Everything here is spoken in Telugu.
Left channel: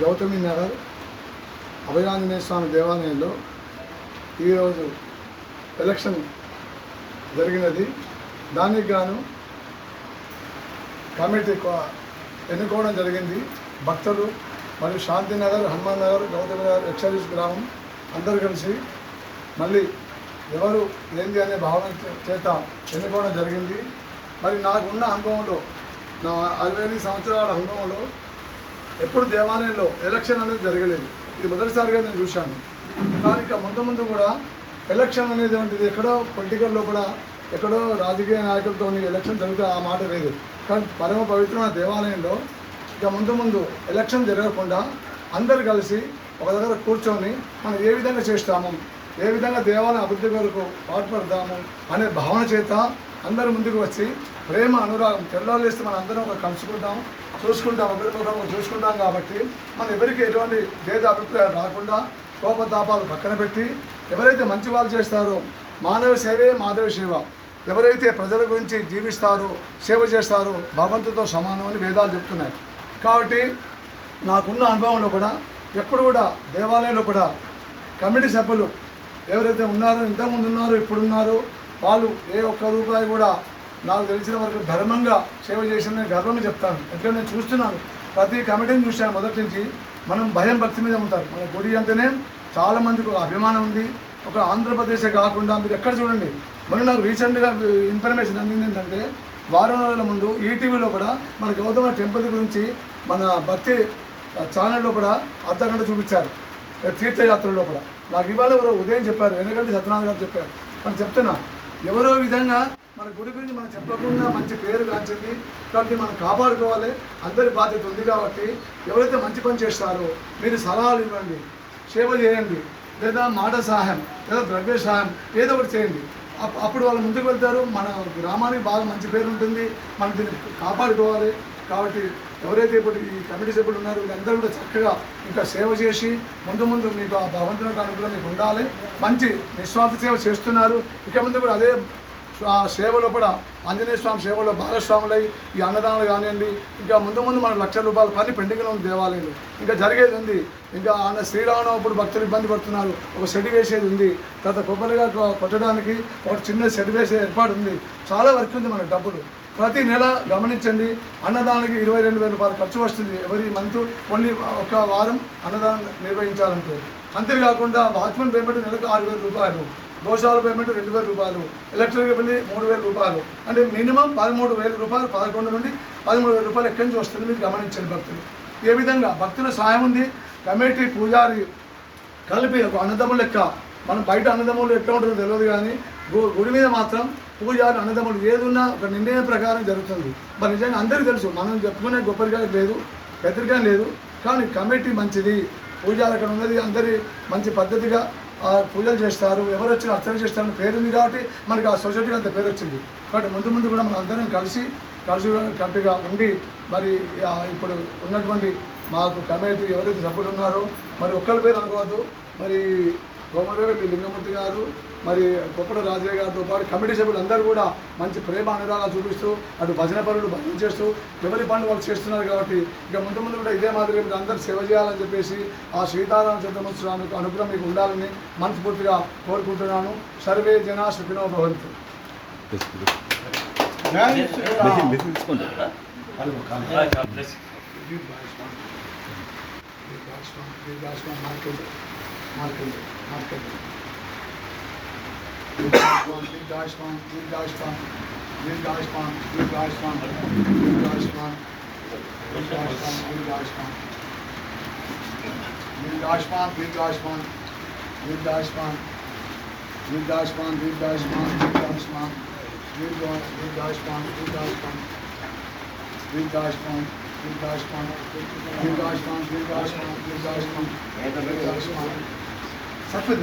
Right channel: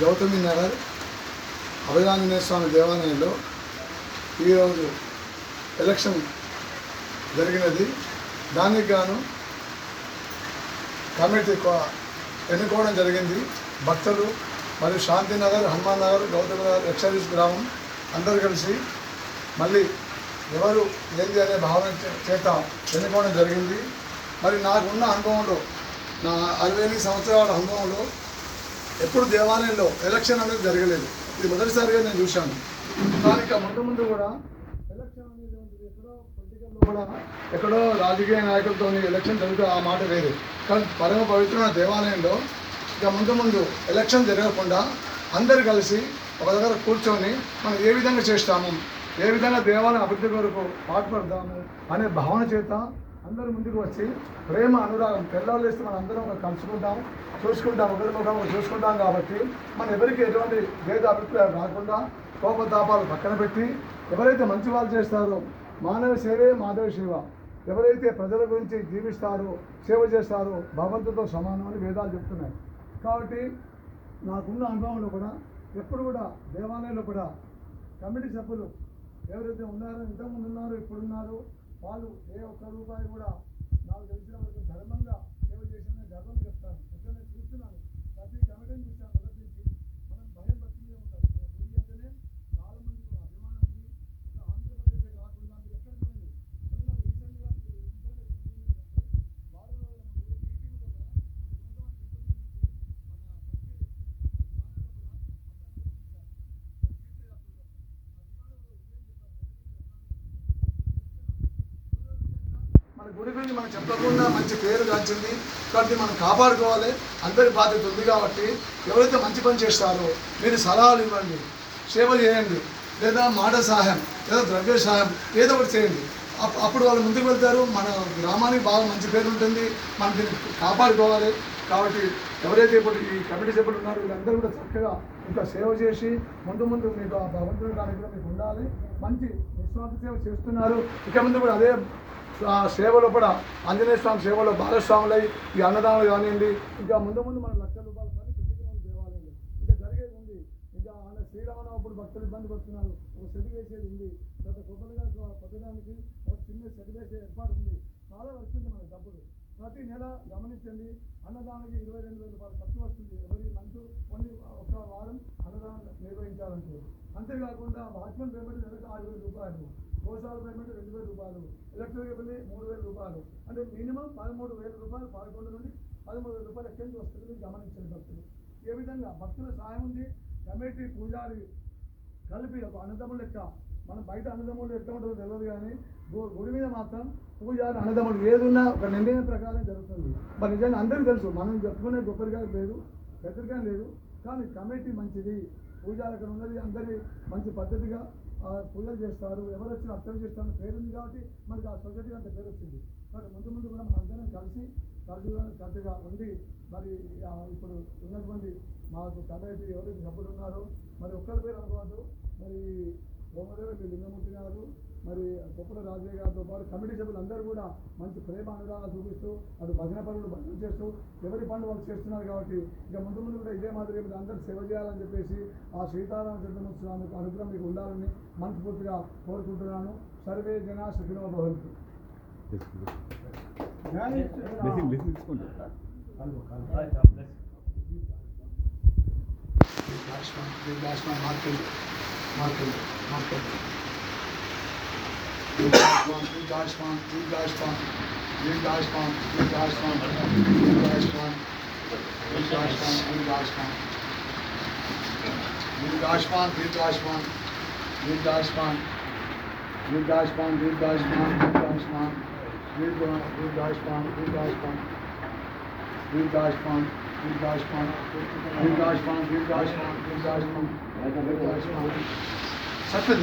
గౌతమి నగర్ అభయాంజనేయ స్వామి దేవాలయంలో ఈరోజు ఎలక్షన్ జరిగినది. దానికి గాను కమిటీ ఎన్నుకోవడం జరిగింది. భక్తులు మరియు శాంతినగర్, హనుమాన్ నగర్, గౌతమి నగర్, ఎక్సర్వీస్ గ్రామం అందరూ కలిసి మళ్ళీ ఎవరు ఏంది అనే భావన చేత ఎన్నుకోవడం జరిగింది. మరి నాకున్న అనుభవంలో, నా 60 సంవత్సరాల అనుభవంలో ఎప్పుడు దేవాలయంలో ఎలక్షన్ అనేది జరగలేదు. ఇది మొదటిసారిగా నేను చూశాను. కానీ ఇక ముందు కూడా ఎలక్షన్ అనేది వంటిది ఎక్కడో పొలిటికల్లో కూడా ఎక్కడో రాజకీయ నాయకులతో ఎలక్షన్ జరుగుతూ ఆ మాట లేదు. కానీ పరమ పవిత్రమైన దేవాలయంలో ఇక ముందు ఎలక్షన్ జరగకుండా అందరు కలిసి ఒక దగ్గర కూర్చొని మనం ఏ విధంగా చేస్తాము, ఏ విధంగా దేవాలయం అభివృద్ధి కొరకు పాటుపడతాము అనే భావన చేత అందరూ ముందుకు వచ్చి ప్రేమ అనురాగం తెల్లాలేస్తే మనం అందరం ఒక కలుసుకుంటాం, చూసుకుంటాం, ఒకరికొకరు చూసుకుంటాం. కాబట్టి మనం ఎవరికి ఎటువంటి భేద అభిప్రాయాలు రాకుండా కోపతాపాలు పక్కన పెట్టి ఎవరైతే మంచి వాళ్ళు చేస్తారో మానవ సేవే మాధవ సేవ, ఎవరైతే ప్రజల గురించి జీవిస్తారో సేవ చేస్తారో భగవంతుడితో సమానం అని వేదాలు చెప్తున్నాయి. కాబట్టి నాకున్న అనుభవంలో కూడా ఎప్పుడు కూడా దేవాలయంలో కూడా కమిటీ సభ్యులు ఎవరైతే ఉన్నారో, ఇంతకుముందు ఉన్నారో, ఇప్పుడున్నారో వాళ్ళు ఏ ఒక్క రూపాయి కూడా నాకు తెలిసిన వరకు ధర్మంగా సేవ చేసిన గర్వంగా చెప్తాను. ఎందుకంటే నేను చూస్తున్నాను, ప్రతి కమిటీని చూశాను మొదటి నుంచి. మనం భయం భక్తి మీద ఉంటారు. మన గుడి అంటేనే చాలామందికి ఒక అభిమానం ఉంది. ఒక ఆంధ్రప్రదేశే కాకుండా మీరు ఎక్కడ చూడండి. మరి నాకు రీసెంట్గా ఇన్ఫర్మేషన్ అందింది ఏంటంటే, వారం రోజుల ముందు ఈటీవీలో కూడా మన గౌతమ టెంపుల్ గురించి మన భక్తి ఛానల్లో కూడా అర్ధగంట చూపించారు. తీర్థయాత్రలో కూడా నాకు ఇవాళ ఎవరో ఉదయం చెప్పారు, ఎందుకంటే సత్యనారాయణ గారు చెప్పారు. మనం చెప్తున్నా, ఎవరో విధంగా మన గుడి గురించి మనం చెప్పకుండా మంచి పేరు కాల్చింది. కాబట్టి మనం కాపాడుకోవాలి, అందరి బాధ్యత ఉంది. కాబట్టి ఎవరైతే మంచి పని చేస్తారో మీరు సలహాలు ఇవ్వండి, సేవ చేయండి, లేదా మాట సహాయం లేదా ద్రవ్య సహాయం ఏదో ఒకటి చేయండి. అప్పుడు వాళ్ళు ముందుకు వెళ్తారు. మన గ్రామానికి బాగా మంచి పేరు ఉంటుంది. మనం దీన్ని కాపాడుకోవాలి. కాబట్టి ఎవరైతే ఇప్పుడు ఈ కమిటీ సభ్యులు ఉన్నారో వీళ్ళందరూ కూడా చక్కగా ఇంకా సేవ చేసి ముందు మీకు ఆ భగవంతుని అనుకూలంగా మీకు ఉండాలి. మంచి నిస్వార్థ సేవ చేస్తున్నారు. ఇక ముందు కూడా అదే సేవలో కూడా ఆంజనేయ స్వామి సేవలో భాగస్వాములై ఈ అన్నదానాలు కానివ్వండి, ఇంకా ముందు మన ₹1,00,000 పని పెండింగ్లో ఉంది దేవాలయంలో. ఇంకా జరిగేది ఉంది. ఇంకా ఆయన శ్రీరామనవమి ఇప్పుడు భక్తులు ఇబ్బంది పడుతున్నారు. ఒక షెడ్ వేసేది ఉంది. తర్వాత కొబ్బరిగా కొట్టడానికి ఒక చిన్న షెడ్ వేసే ఏర్పాటు ఉంది. చాలా వర్క్ ఉంది మనకు. డబ్బులు ప్రతి నెల గమనించండి, అన్నదానానికి ₹22,000 ఖర్చు వస్తుంది. ఎవరి మంత్ ఓన్లీ ఒక వారం అన్నదానం నిర్వహించాలంటే. అంతేకాకుండా వాచ్మెన్ పేమెంట్ నెలకు ₹6,000, దోషాల పేమెంట్ ₹2,000, ఎలక్ట్రిక్ బిల్ ₹3,000. అంటే మినిమం ₹13,000, 11 నుండి ₹13,000 ఎక్కడి నుంచి వస్తుంది మీరు గమనించండి. భక్తులు ఏ విధంగా భక్తుల సాయం ఉంది. కమిటీ పూజారి కలిపి ఒక అన్నదమ్ముల లెక్క. మనం బయట అన్నదమ్ములు ఎట్లా ఉంటుందో తెలియదు, కానీ గుడి మీద మాత్రం పూజారి అన్నదమ్ములు ఏది ఉన్నా ఒక నిర్ణయం ప్రకారం జరుగుతుంది. మరి నిజంగా అందరికీ తెలుసు, మనం చెప్పుకునే గొప్పగా లేదు, పెద్దగా లేదు. కానీ కమిటీ మంచిది, పూజారి అక్కడ ఉన్నది, అందరి మంచి పద్ధతిగా పూజలు చేస్తారు. ఎవరు వచ్చినా అర్చన చేస్తారని పేరు ఉంది. కాబట్టి మనకి ఆ సొసైటీకి అంత పేరు వచ్చింది. కాబట్టి ముందు కూడా మనం అందరం కలిసి కమిటీగా ఉండి మరి ఇప్పుడు ఉన్నటువంటి మాకు కమిటీ ఎవరైతే సభ్యులు ఉన్నారో మరి ఒక్కరి పేరు అనుకోవద్దు. మరి కోమటిరెడ్డి లింగమూర్తి గారు, మరి కొప్పడ రాజయ్య గారితో పాటు కమిటీ సభ్యులు అందరూ కూడా మంచి ప్రేమ అనురాగాలు చూపిస్తూ అటు భజన పనులు భజన చేస్తూ ఎవరి పనులు వాళ్ళు చేస్తున్నారు. కాబట్టి ఇక ముందు కూడా ఇదే మాదిరిగా మీరు అందరూ సేవ చేయాలని చెప్పేసి ఆ సీతారామ చంద్రమోత్సవానికి అనుగ్రహం మీకు ఉండాలని మనస్ఫూర్తిగా కోరుకుంటున్నాను. సర్వే జనా సుఖినో భవంతు. సత్యం